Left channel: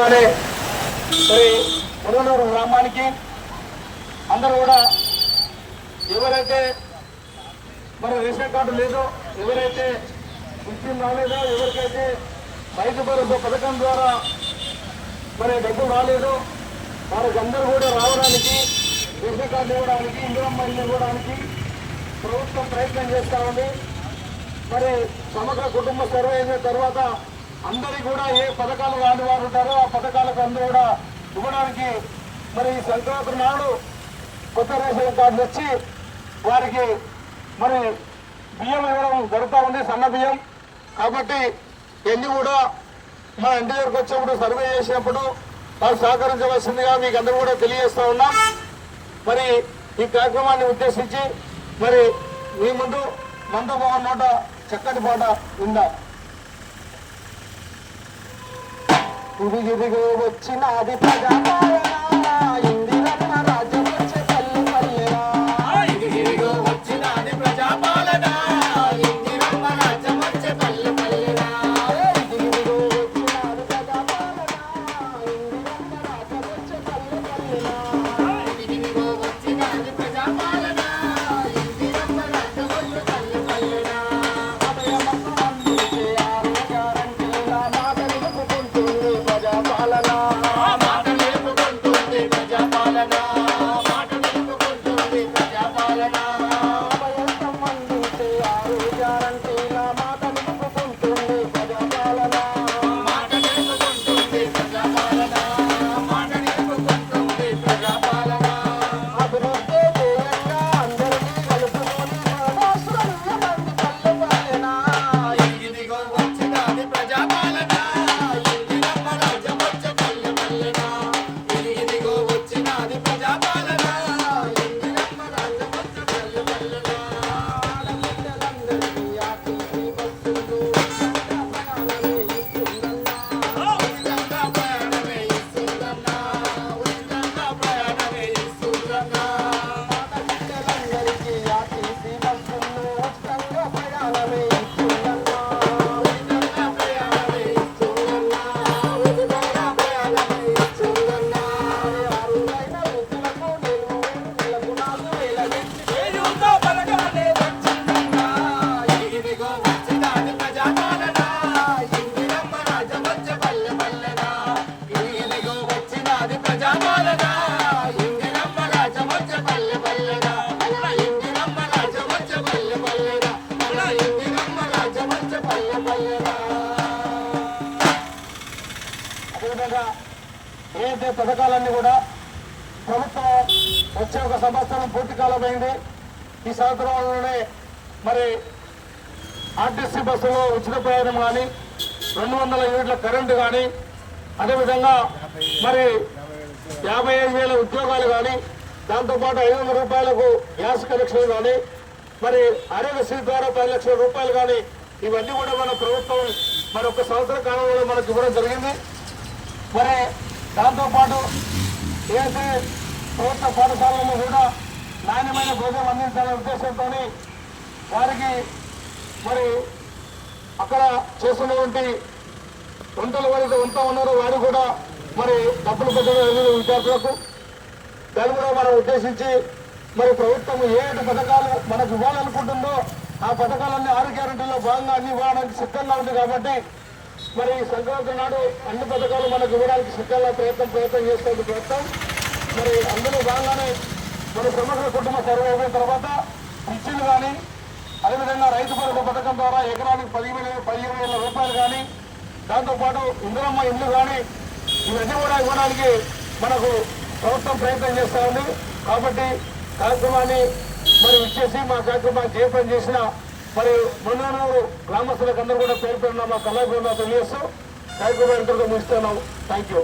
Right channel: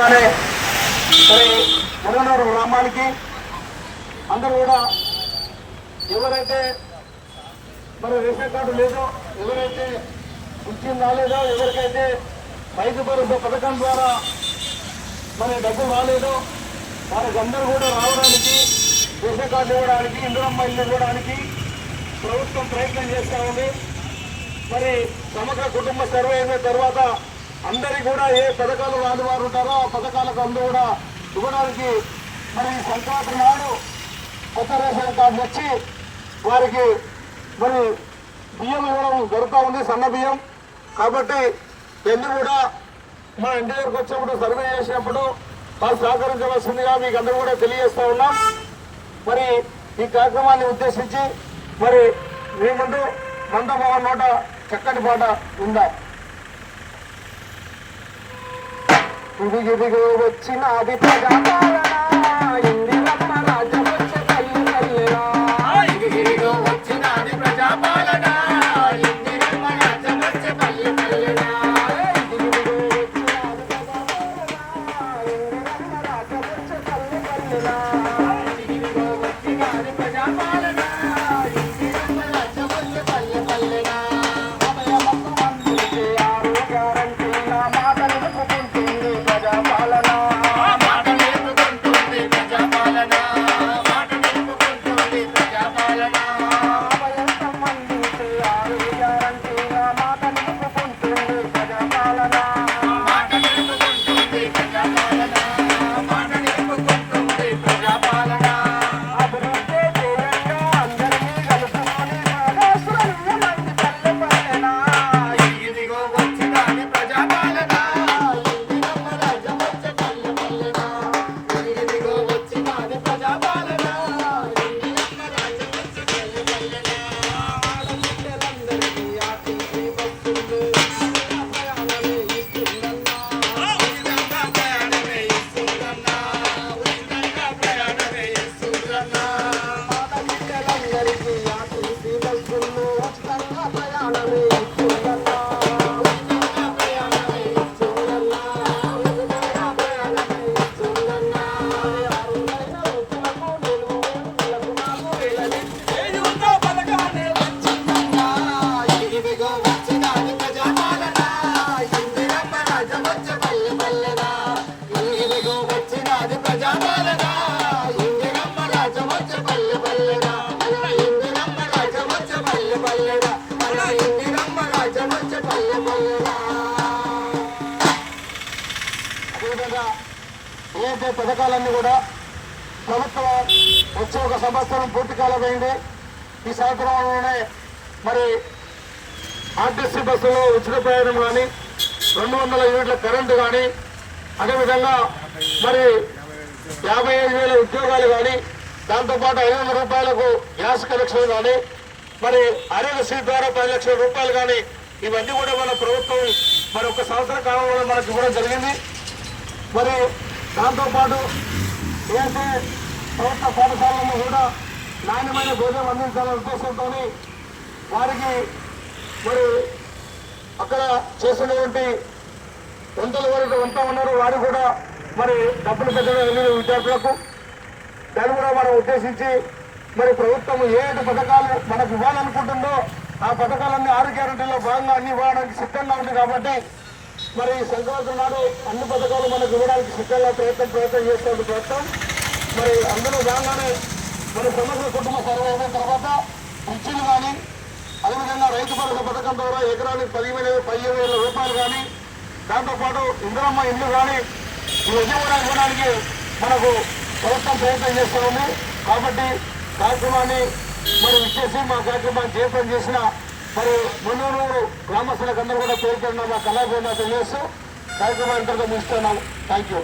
మరి ఎర్రనూరు గ్రామానికి అందరూ కూడా ఎవరైతే మరి రేషన్ కార్డు లేదో, ఎవరైతే ఉద్యోగం రాలేదో, ఎవరికైతే రైతు భరోసా పథకం ద్వారా మరి డబ్బులు రాలేదో వాళ్ళకందరూ కూడా రావడానికి, రేషన్ కార్డు ఇవ్వడానికి, ఇందిరమ్మ ఇల్లు ఇవ్వడానికి ప్రభుత్వం ప్రయత్నం చేస్తూ ఉంది. మరి సమగ్ర కుటుంబ సర్వే అయిన తర్వాత అందరికీ కూడా ఏ పథకాలు రాని వారు ఉంటారో ఆ పథకాలకు అందరూ కూడా ఇవ్వడానికి మరి సంక్రాంతి నాడు కొత్త రేషన్ కార్డులు వచ్చి వారికి మరి బియ్యం ఇవ్వడం జరుగుతూ ఉంది, సన్న బియ్యం. కాబట్టి ఇవన్నీ కూడా మన ఇంటి దగ్గరకు వచ్చినప్పుడు సర్వే చేసినప్పుడు వారు సహకరించవలసిందిగా మీకు అందరూ కూడా తెలియజేస్తూ ఉన్నాం. మరి ఈ కార్యక్రమాన్ని ఉద్దేశించి మరి మీ ముందు మందమోహన్ నోట చక్కటి పాట ఉందా. ఇదిగో వచ్చినది ప్రజాపాలన, ఇందిరమ్మ రాజ్యం వచ్చే పల్లి పల్లెనా. ఇదిగో వచ్చినది ప్రజాపాలన, ఇందిరమ్మ రాజ్యం వచ్చే పల్లి పల్లెనా. ఇదిగో వచ్చినది ప్రజాపాలన, ఇందిరమ్మ రాజ్యం వచ్చే పల్లి పల్లెనా. ఇదిగో వచ్చినది ప్రజాపాలన, ఇందిరమ్మ రాజ్యం వచ్చే పల్లి పల్లెనా. ఏదైతే పథకాలన్నీ కూడా ప్రభుత్వం వచ్చే ఒక సంవత్సరం పూర్తి కాలమైంది. ఈ సంవత్సరంలోనే మరి ఆర్టీసీ బస్సులో ఉచిత ప్రయాణం కానీ, 200 యూనిట్ల కరెంటు కానీ, అదేవిధంగా మరి 55,000 ఉద్యోగాలు కానీ, దాంతోపాటు 500 రూపాయలకు గ్యాస్ కనెక్షన్ కానీ, మరి ఆరోగ్యశ్రీ ద్వారా 10 లక్షల రూపాయలు కానీ, ఇవన్నీ కూడా మన ప్రభుత్వం మరి ఒక సంవత్సర కాలంలో మనకు ఇవ్వడం జరిగింది. మరి దాంతోపాటు ఏదైతే ప్రభుత్వ పాఠశాలలో కూడా నాణ్యమైన భోజనం అందించాలనే ఉద్దేశంతో వారికి మరి అక్కడ చేసినటువంటి వంటల వరకు వంట ఉన్నారు, వారికి కూడా మరి డబ్బులు పెట్టడం జరిగింది విద్యార్థులకు. దాన్ని కూడా మనం ఉద్దేశించి మరి ప్రభుత్వం ఏదైతే పథకాలు మనకు ఇవ్వాలనుకుంటుందో ఆ పథకాలన్నీ 6 గ్యారెంటీల్లో భాగంగా అన్ని ఇవ్వడానికి సిద్ధంగా ఉంది. కాబట్టి మరి సంక్రాంతి నాడు అన్ని పథకాలు మనకు ఇవ్వడానికి సిద్ధంగా ప్రయత్నం చేస్తుంది ప్రభుత్వం. మరి అందులో భాగంగానే మరి సమగ్ర కుటుంబ సర్వే అయిన తర్వాత పిచ్చిలు కానీ, అదేవిధంగా రైతు భరోసా పథకం ద్వారా ఎకరానికి 15,000 రూపాయలు కానీ, దాంతోపాటు ఇందిరమ్మ ఇల్లు కానీ ఇవన్నీ కూడా ఇవ్వడానికి మనకు ప్రభుత్వం ప్రయత్నం చేస్తూ ఉంది. కాబట్టి కార్యక్రమాన్ని మరి ఇచ్చేసి మా కార్యక్రమాన్ని జయప్రదం చేసిన మరి మందమూరు గ్రామస్తులకు అందరూ కూడా పేరు మా కళాభవన తెలియజేస్తూ కార్యక్రమం ఎంతో ముగిస్తున్నాం. Thank you.